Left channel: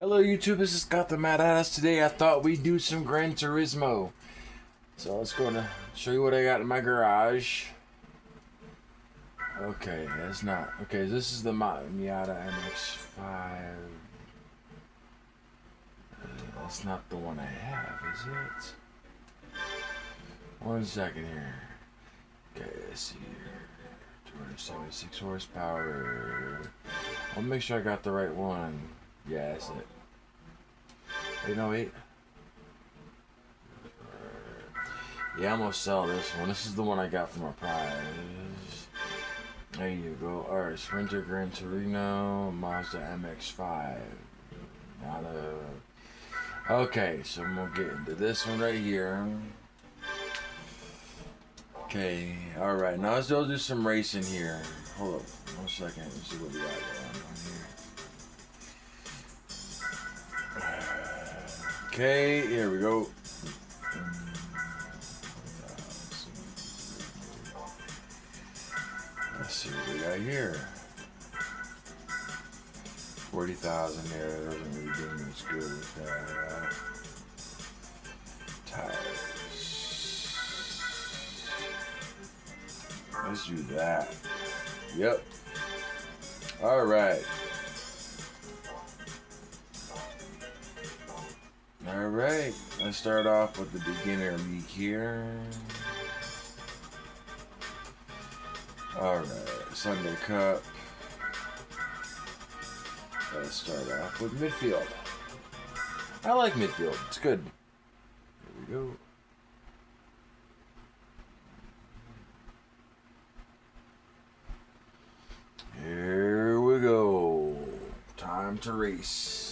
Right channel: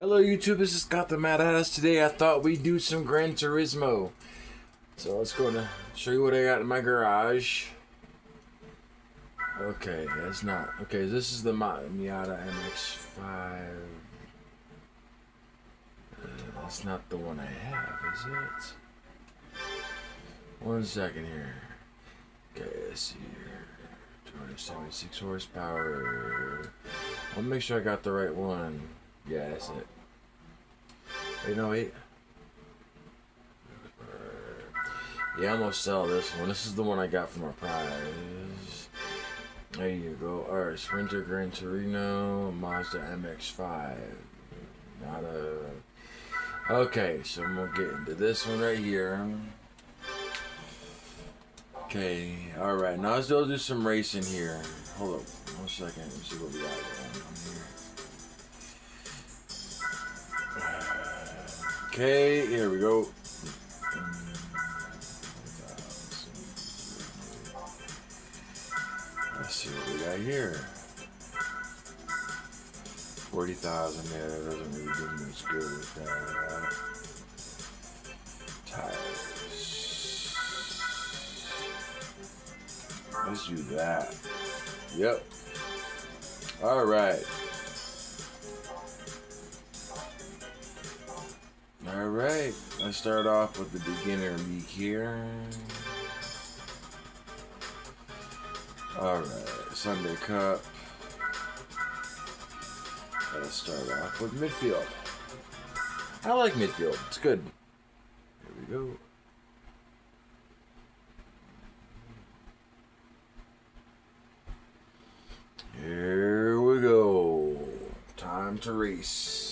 Hello YouTube, this is Scott the Mad Ass. Today I thought we'd do some Gran Turismo. So let's go to show you what I got in my garage. Okay, that's not. Okay, this is the Miata MX-5. That's not the one I have, is it? 1 second here. Okay, let's see here. 276 horsepower. I'll make sure I got the right one. Yeah, that's it. Wait, no, wait. Yeah, I'm gonna sell this one. This is the one I got from a prize. There you go. Alright, Sprinter Gran Turismo, Mazda MX-5. Not a... Okay, so I'm gonna get into this one right here. Okay, alright, now let's go do some racing here. Hold up, 1 second. Let's see what we got going on here. Okay, here we go. Let's see what we got here. 40,000 there. Doesn't really do much good with that. Tires. Let's do that. Yep. All right. All right. Let's start off with the beginner league here. All right. Sunday Cup. Let's start off with midfield. I like midfield. It's good. Here we go. Here we go. Time to race.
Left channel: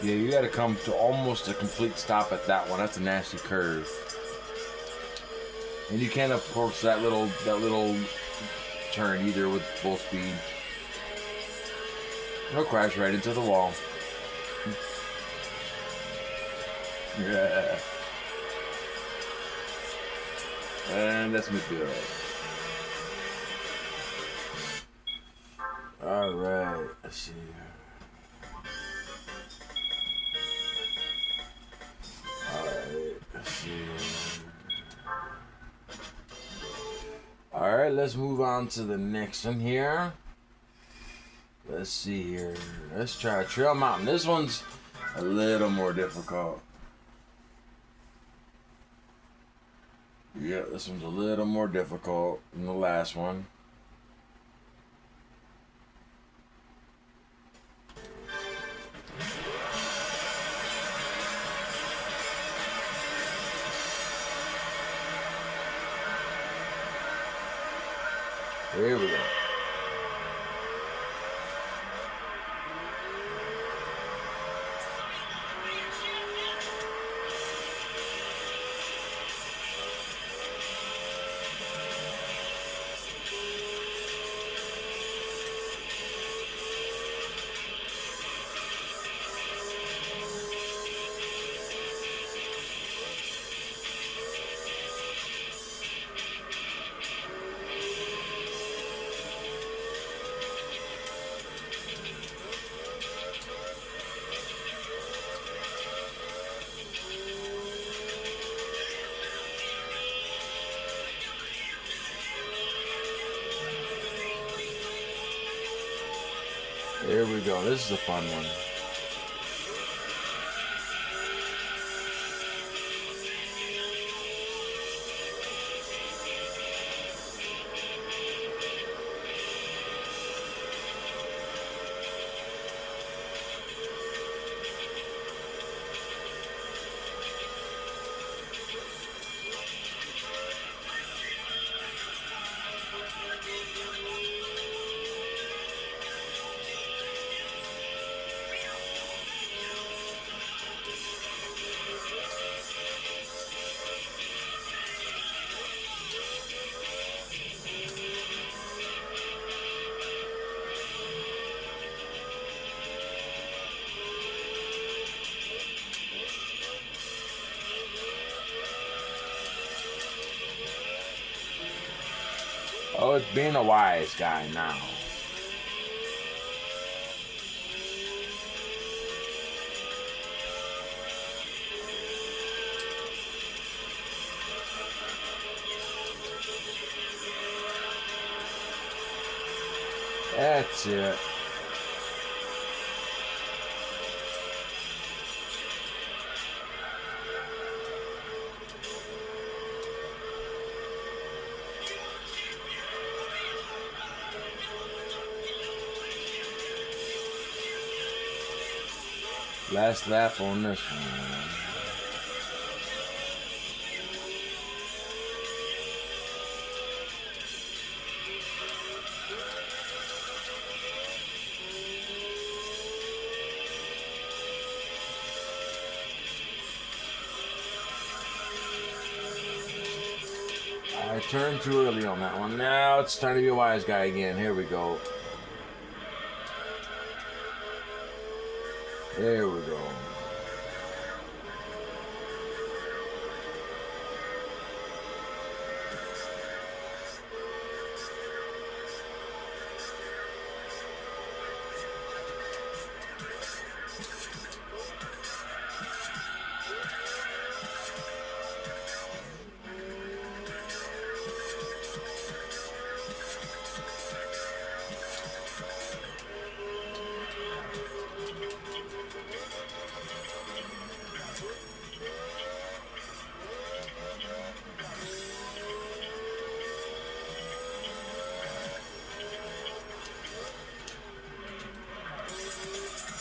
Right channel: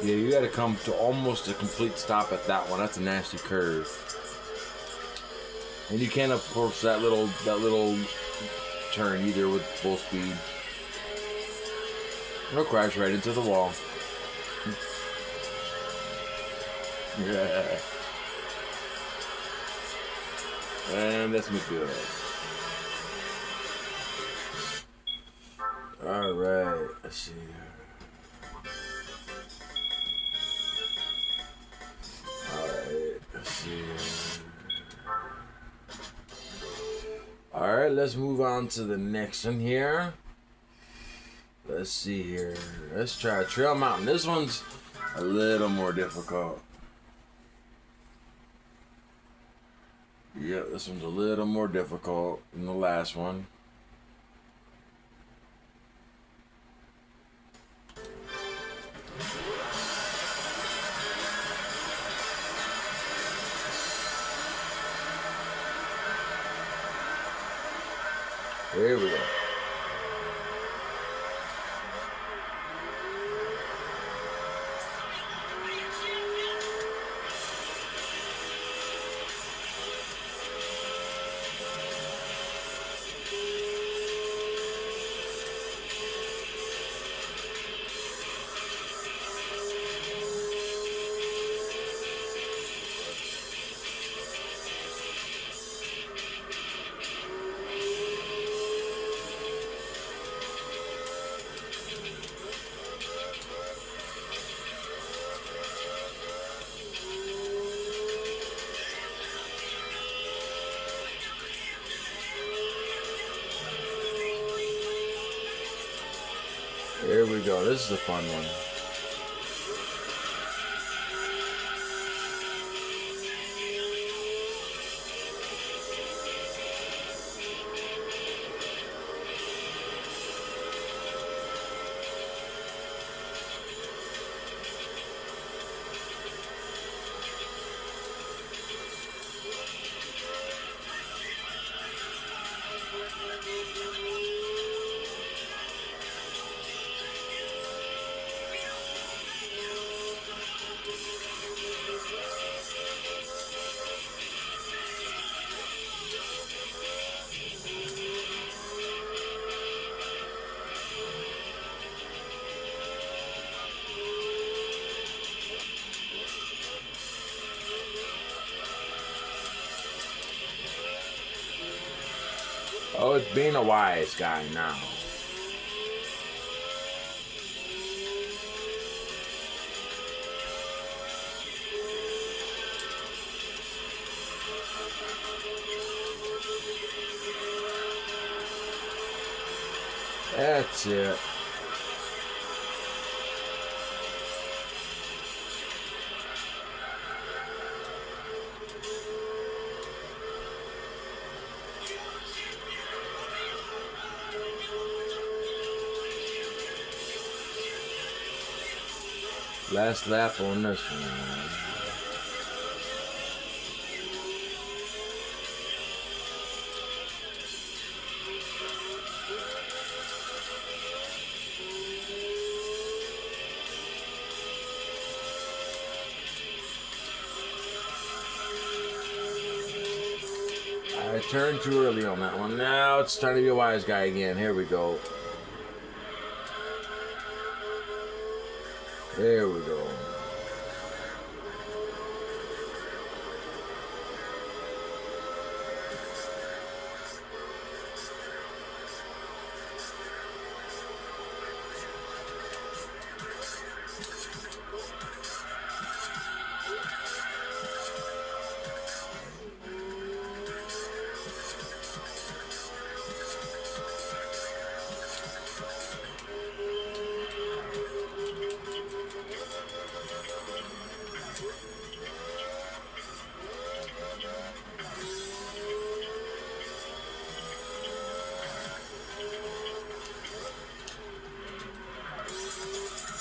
Yeah, you got to come to almost a complete stop at that one. That's a nasty curve. And you can't approach that little turn either with full speed. It'll crash right into the wall. Yeah. And that's midfield. Alright, let's see. Alright, let's see. Alright, let's move on to the next one here. Let's see here. Let's try Trail Mountain. This one's a little more difficult. Yeah, this one's a little more difficult than the last one. Here we go. Here we go. This is a fun one. Oh, it's being a wise guy now. That's it. Last lap on this one. I turned too early on that one. Now it's time to be a wise guy again. Here we go. There we go.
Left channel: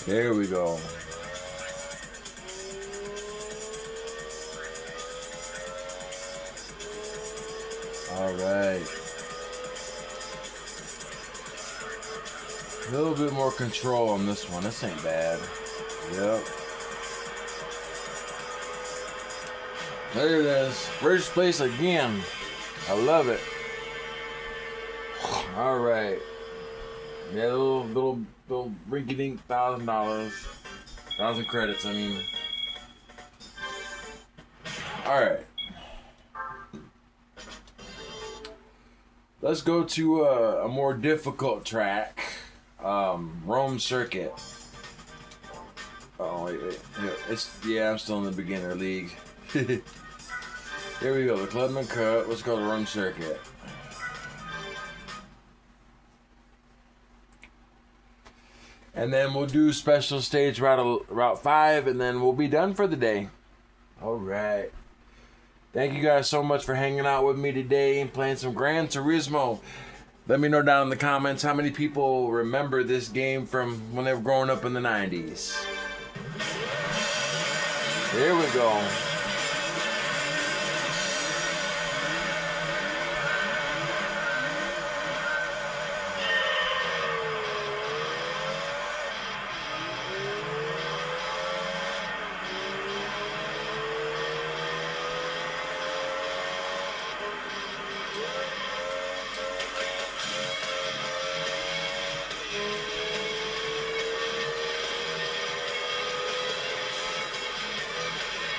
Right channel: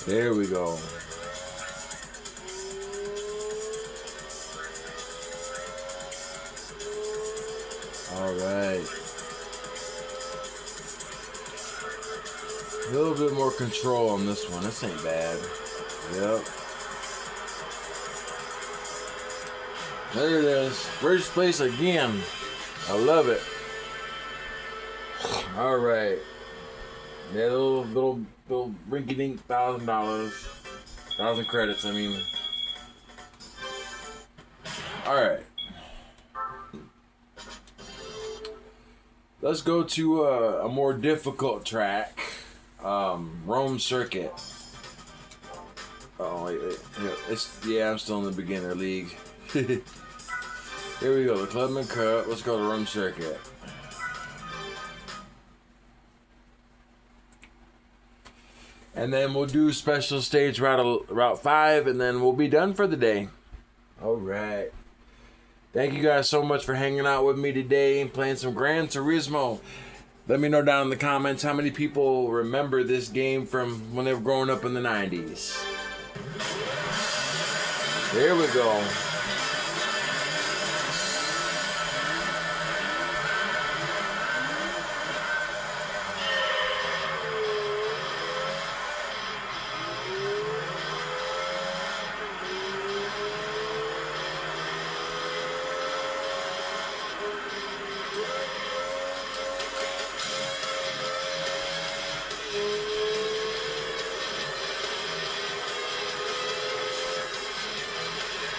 There we go. All right. A little bit more control on this one. This ain't bad. Yep. There it is. First place again. I love it. All right. Yeah, little rinky-dink $1,000, 1,000 credits. I mean. All right. Let's go to a more difficult track. Rome Circuit. Oh, wait. I'm still in the beginner league. Here we go. The Clubman Cup. Let's go to Rome Circuit. And then we'll do special stage route 5, and then we'll be done for the day. All right. Thank you guys so much for hanging out with me today and playing some Gran Turismo. Let me know down in the comments how many people remember this game from when they were growing up in the 90s. Here we go.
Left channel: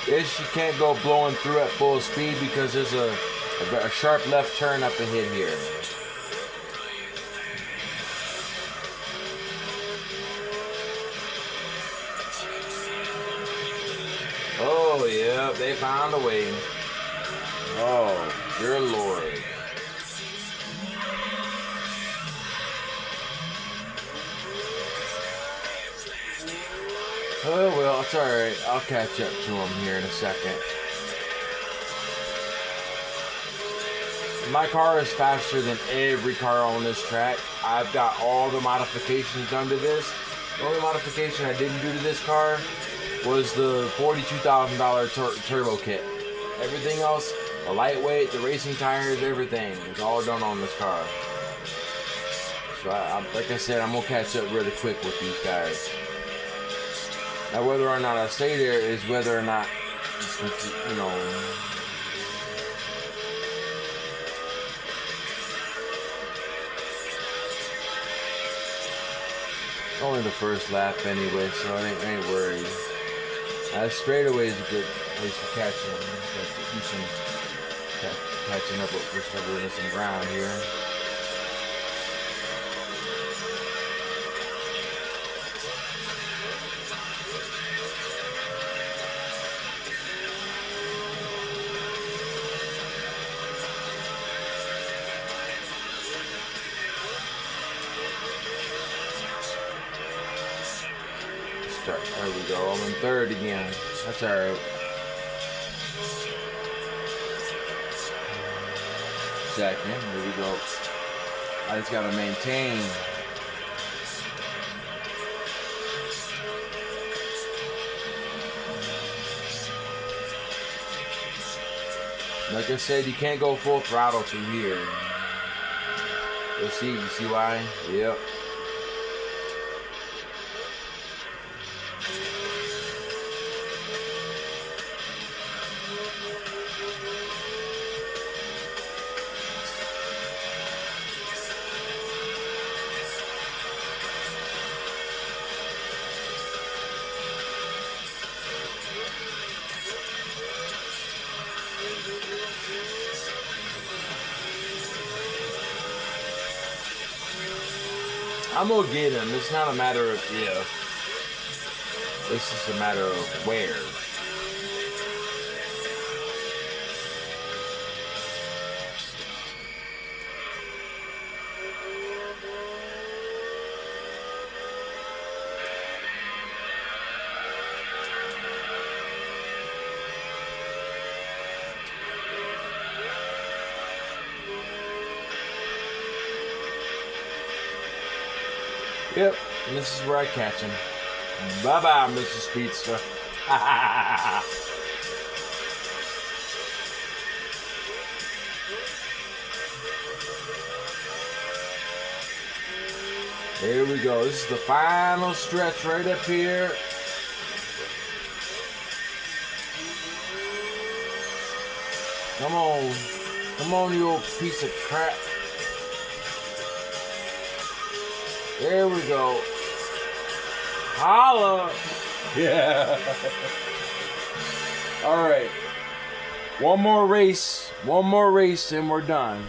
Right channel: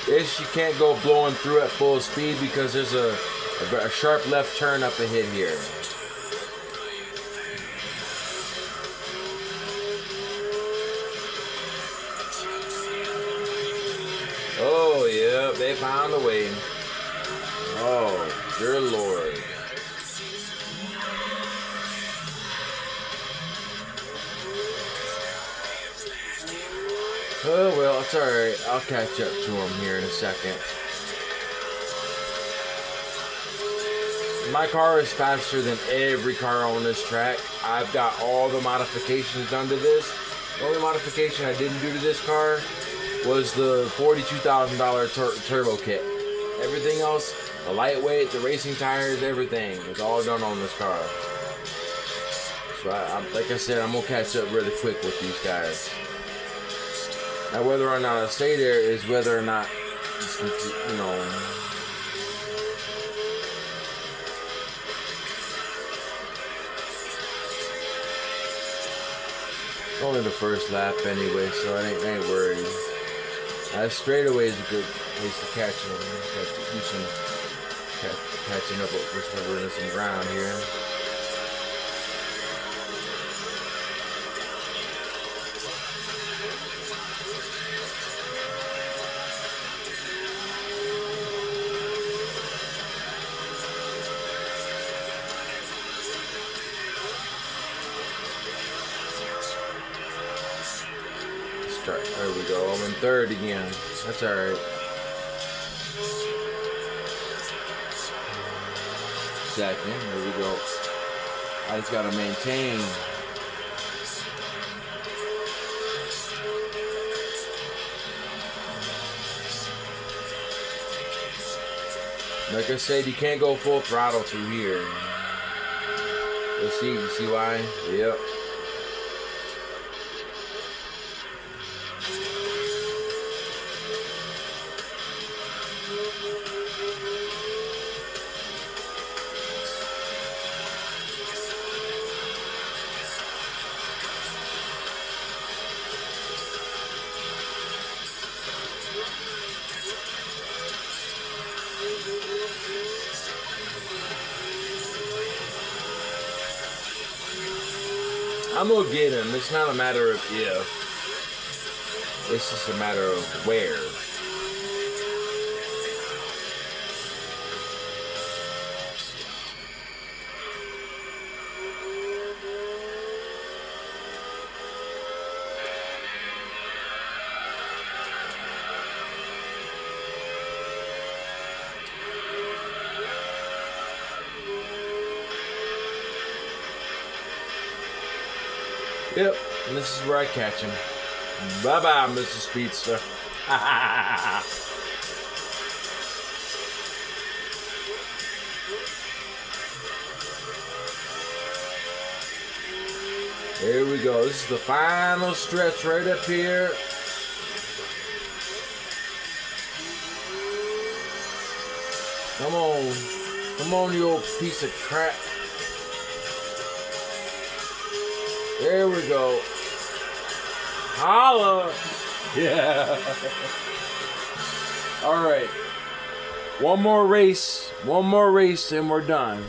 This you can't go blowing through at full speed because there's a sharp left turn up ahead here. Oh, yeah, they found a way. Oh, dear Lord. Oh, well, it's alright. I'll catch up to him here in a second. My car is faster than every car on this track. I've got all the modifications done to this. The only modification I didn't do to this car was the $42,000 turbo kit. Everything else, the lightweight, the racing tires, everything is all done on this car. So, like I said, I'm going to catch up really quick with these guys. Now, whether or not I stay there is whether or not, you know, only the first lap anyway, so I ain't worried. Straightaway is a good place to catch him. Got to do some catching up with covering some ground here. There we go. I'm in third again. That's alright. Second. Here we go. I just gotta maintain. Like I said, you can't go full throttle through here. You see why? Yep. I'm gonna get him. It's not a matter of if. It's just a matter of where. Yep, and this is where I catch him. Bye-bye, Mr. Speedster. Here we go. This is the final stretch right up here. Come on. Come on, you old piece of crap. There we go. Holla. Yeah. All right. One more race and we're done.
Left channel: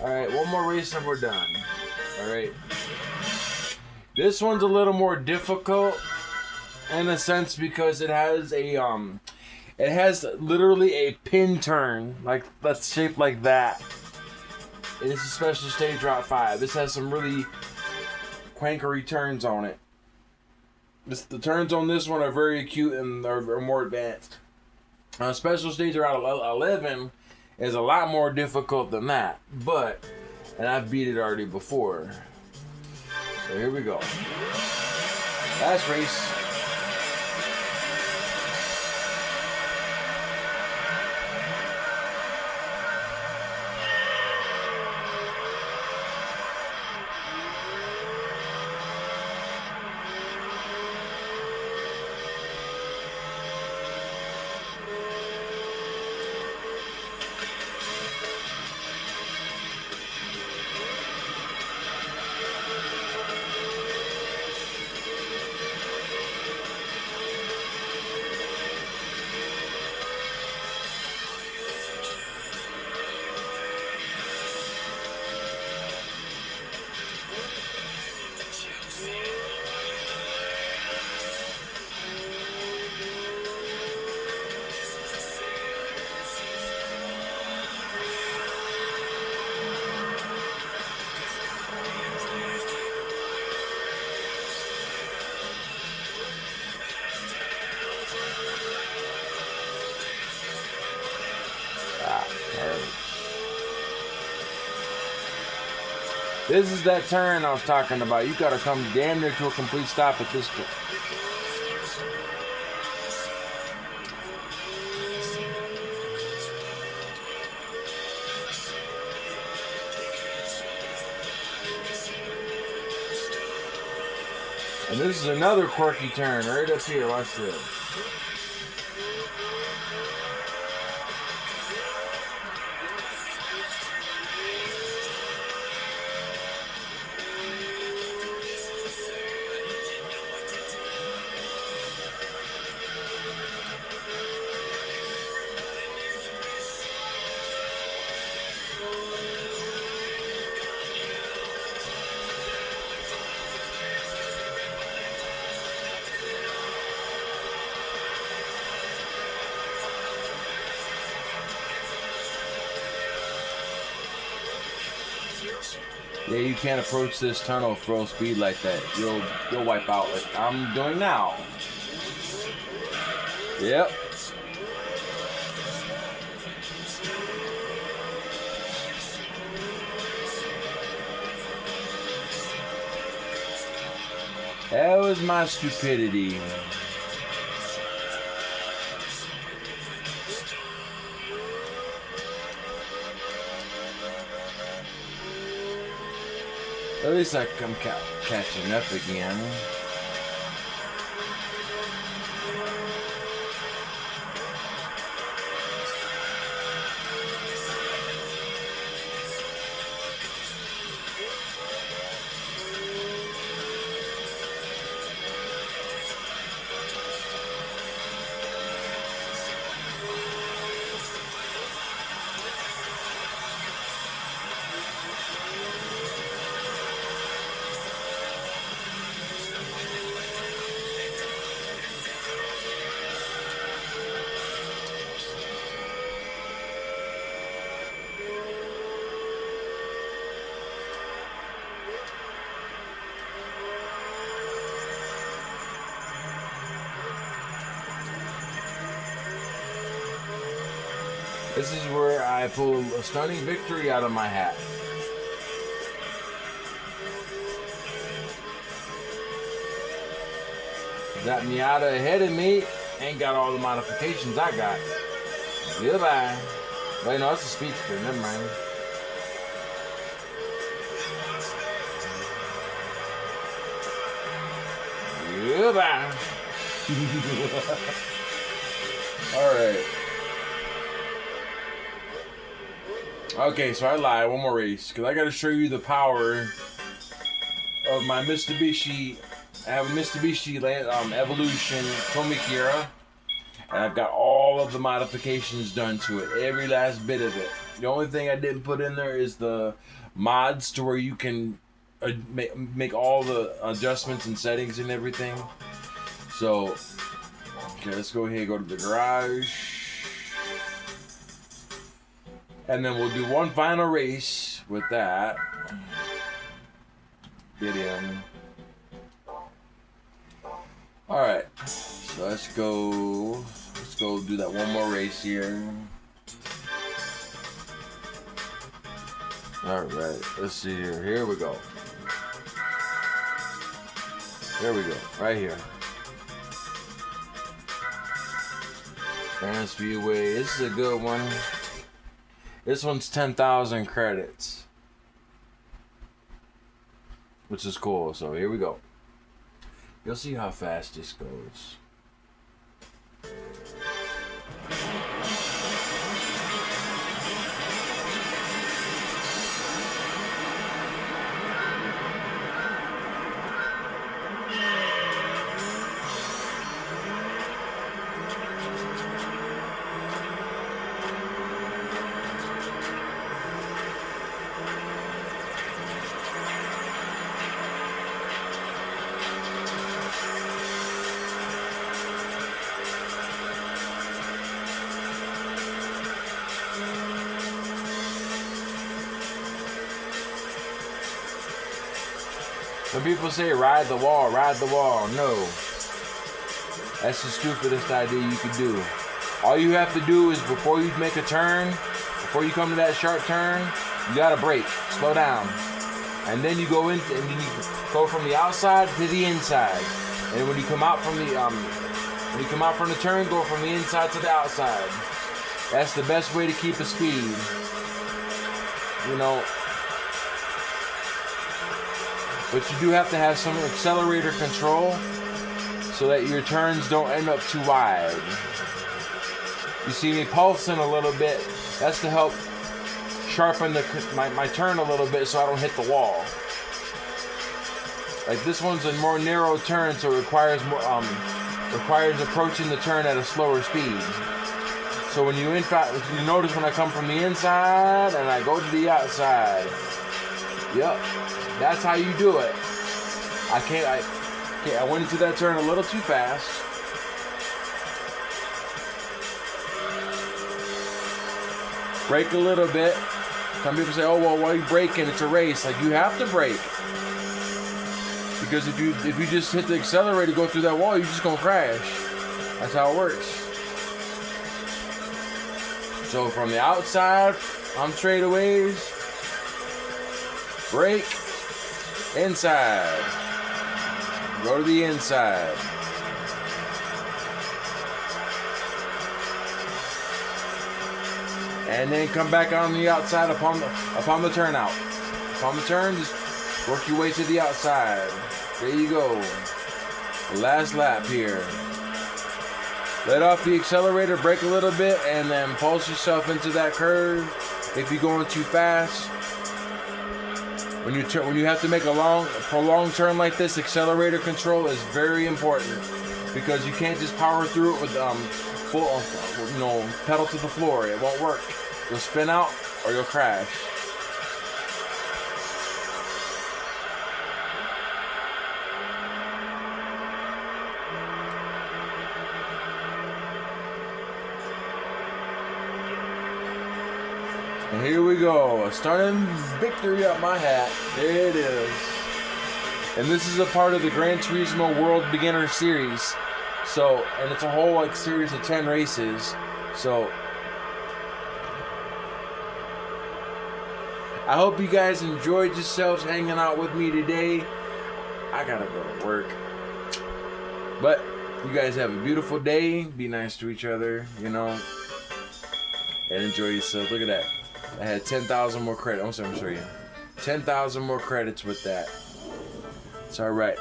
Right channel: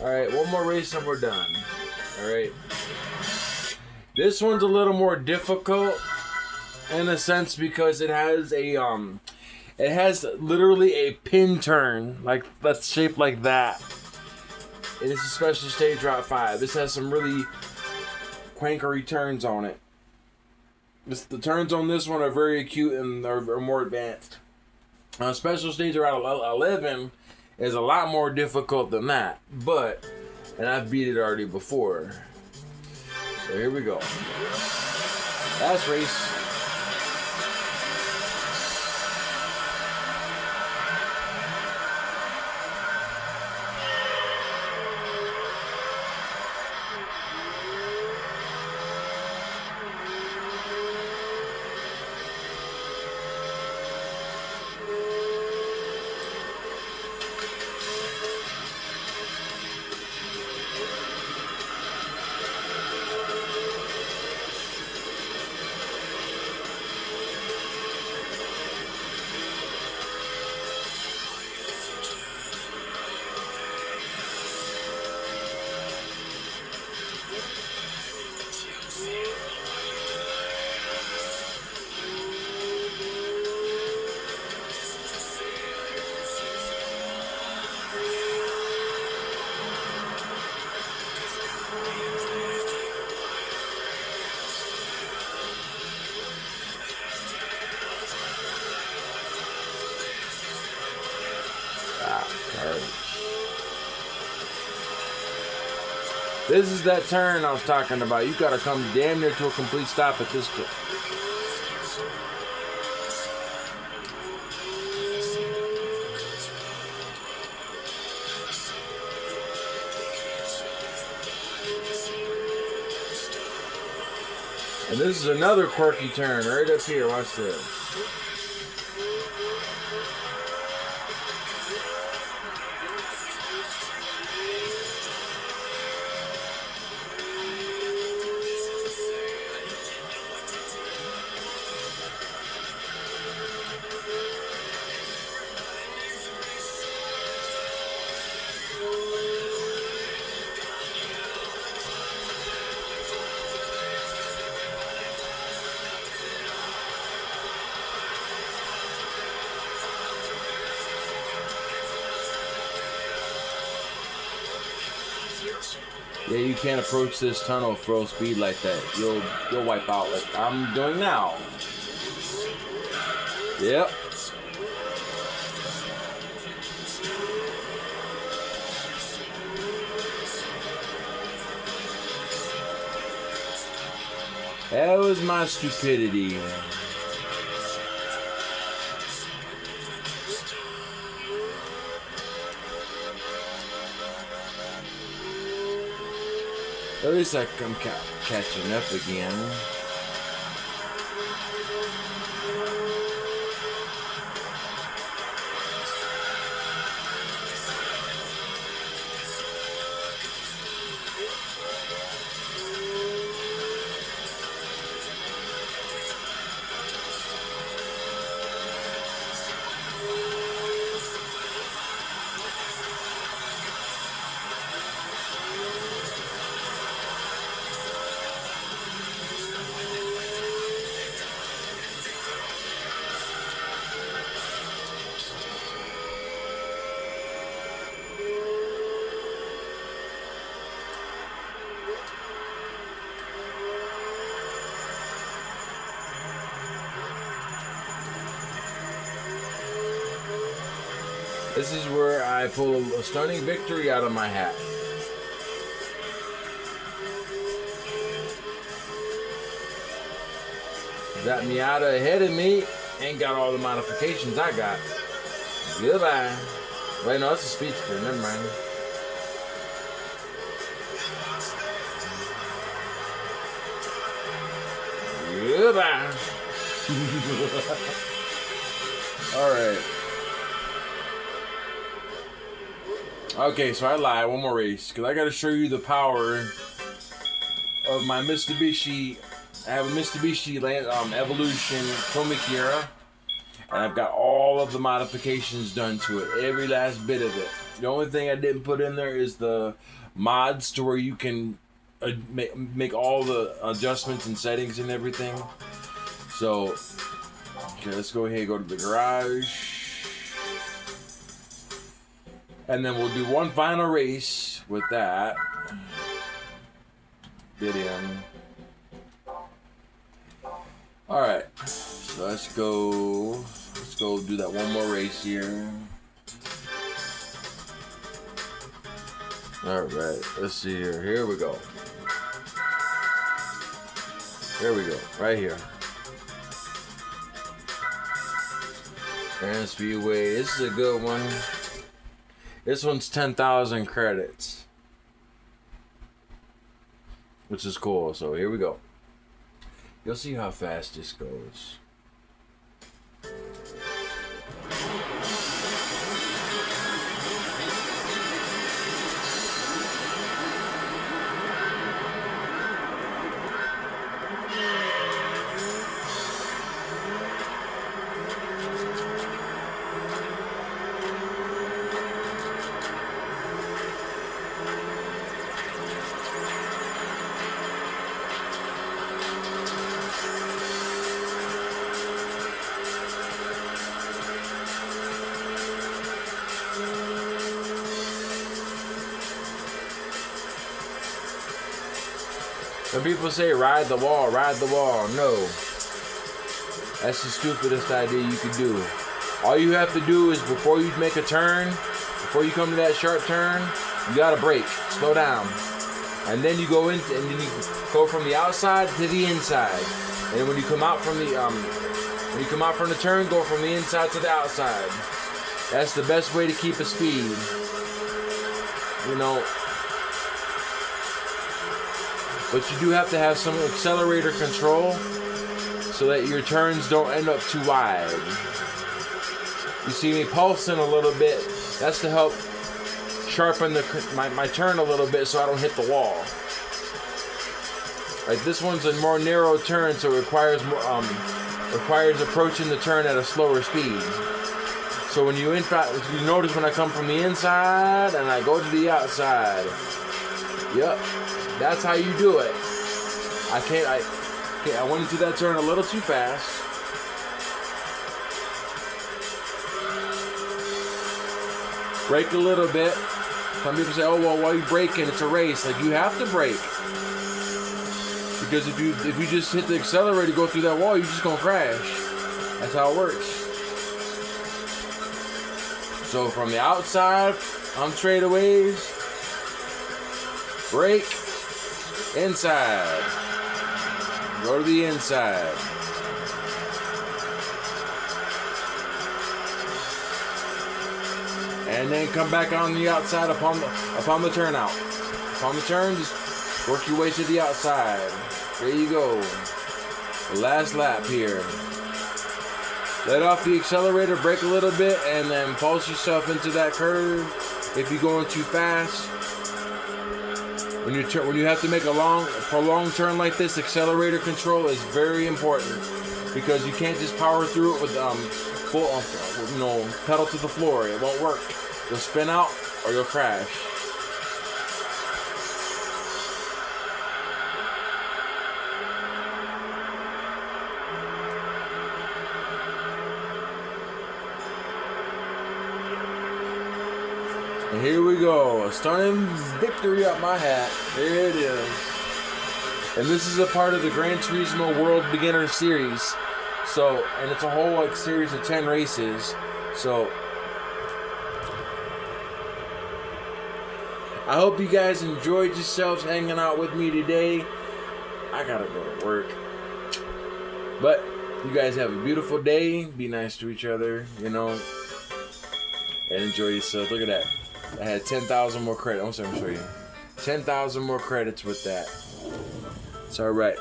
All right, one more race and we're done. All right. This one's a little more difficult in a sense because it has literally a pin turn, like that's shaped like that. And it's a special stage Route 5. This has some really quankery turns on it. The turns on this one are very acute and are more advanced. Special stage Route 11 is a lot more difficult than that, and I've beat it already before. So here we go. Last race. This is that turn I was talking about. You gotta come damn near to a complete stop at this turn. And this is another quirky turn right up here. Watch this. Yeah, you can't approach this tunnel full speed like that. You'll wipe out like I'm doing now. Yep. That was my stupidity. At least I'm catching up again. This is where I pull a stunning victory out of my hat. Got Miata ahead of me, ain't got all the modifications I got. Goodbye. Wait, no, it's a speedster, never mind. Goodbye. Alright. Okay, so I lied. One more race, because I got to show you the power of my Mitsubishi. I have a Mitsubishi Evolution Tomikira, and I've got all of the modifications done to it, every last bit of it. The only thing I didn't put in there is the mods to where you can make all the adjustments and settings and everything. So, okay, let's go ahead and go to the garage. And then we'll do one final race with that. Get him. Alright, so let's go do that one more race here. Alright, let's see here. Here we go. Here we go, right here. Grand Speedway, this is a good one. This one's 10,000 credits, which is cool. So here we go. You'll see how fast this goes. When people say ride the wall, no. That's the stupidest idea you could do. All you have to do is before you make a turn, before you come to that sharp turn, you gotta brake, slow down. And then you go in, and then you go from the outside to the inside. And when you come out from the turn, go from the inside to the outside. That's the best way to keep a speed. You know. But you do have to have some accelerator control so that your turns don't end up too wide. You see me pulsing a little bit. That's to help sharpen my turn a little bit so I don't hit the wall. Like this one's a more narrow turn, so it requires approaching the turn at a slower speed. So when you notice when I come from the inside and I go to the outside. Yep. That's how you do it. I went into that turn a little too fast. Brake a little bit. Some people say, "Oh well, why are you braking? It's a race." Like, you have to brake, because if you just hit the accelerator, go through that wall, you're just gonna crash. That's how it works. So from the outside, on straightaways, brake. Inside. Go to the inside. And then come back on the outside upon the turnout. Upon the turn, just work your way to the outside. There you go. The last lap here. Let off the accelerator, brake a little bit, and then pulse yourself into that curve. If you're going too fast. When you have to make a prolonged turn like this, accelerator control is very important, because you can't just power through it with full, pedal to the floor. It won't work. You'll spin out or you'll crash. And here we go, a stunning victory up my hat. There it is. And this is a part of the Gran Turismo World Beginner Series. So, and it's a whole series of 10 races. So, I hope you guys enjoyed yourselves hanging out with me today. I gotta go to work. But you guys have a beautiful day. Be nice to each other, and enjoy yourself. Look at that. I had 10,000 more credits. I'm going to show you. 10,000 more credits with that. It's alright.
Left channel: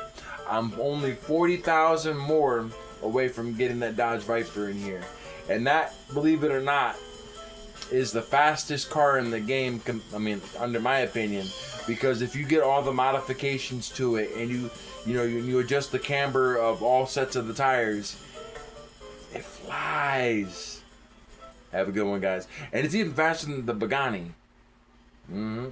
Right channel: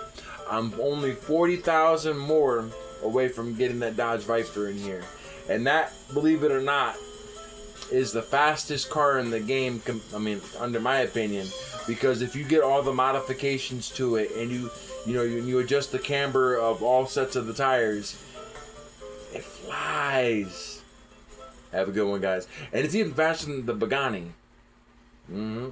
I'm only 40,000 more away from getting that Dodge Viper in here. And that, believe it or not, is the fastest car in the game. I mean, under my opinion, because if you get all the modifications to it and you adjust the camber of all sets of the tires, it flies. Have a good one, guys. And it's even faster than the Pagani. Mm-hmm.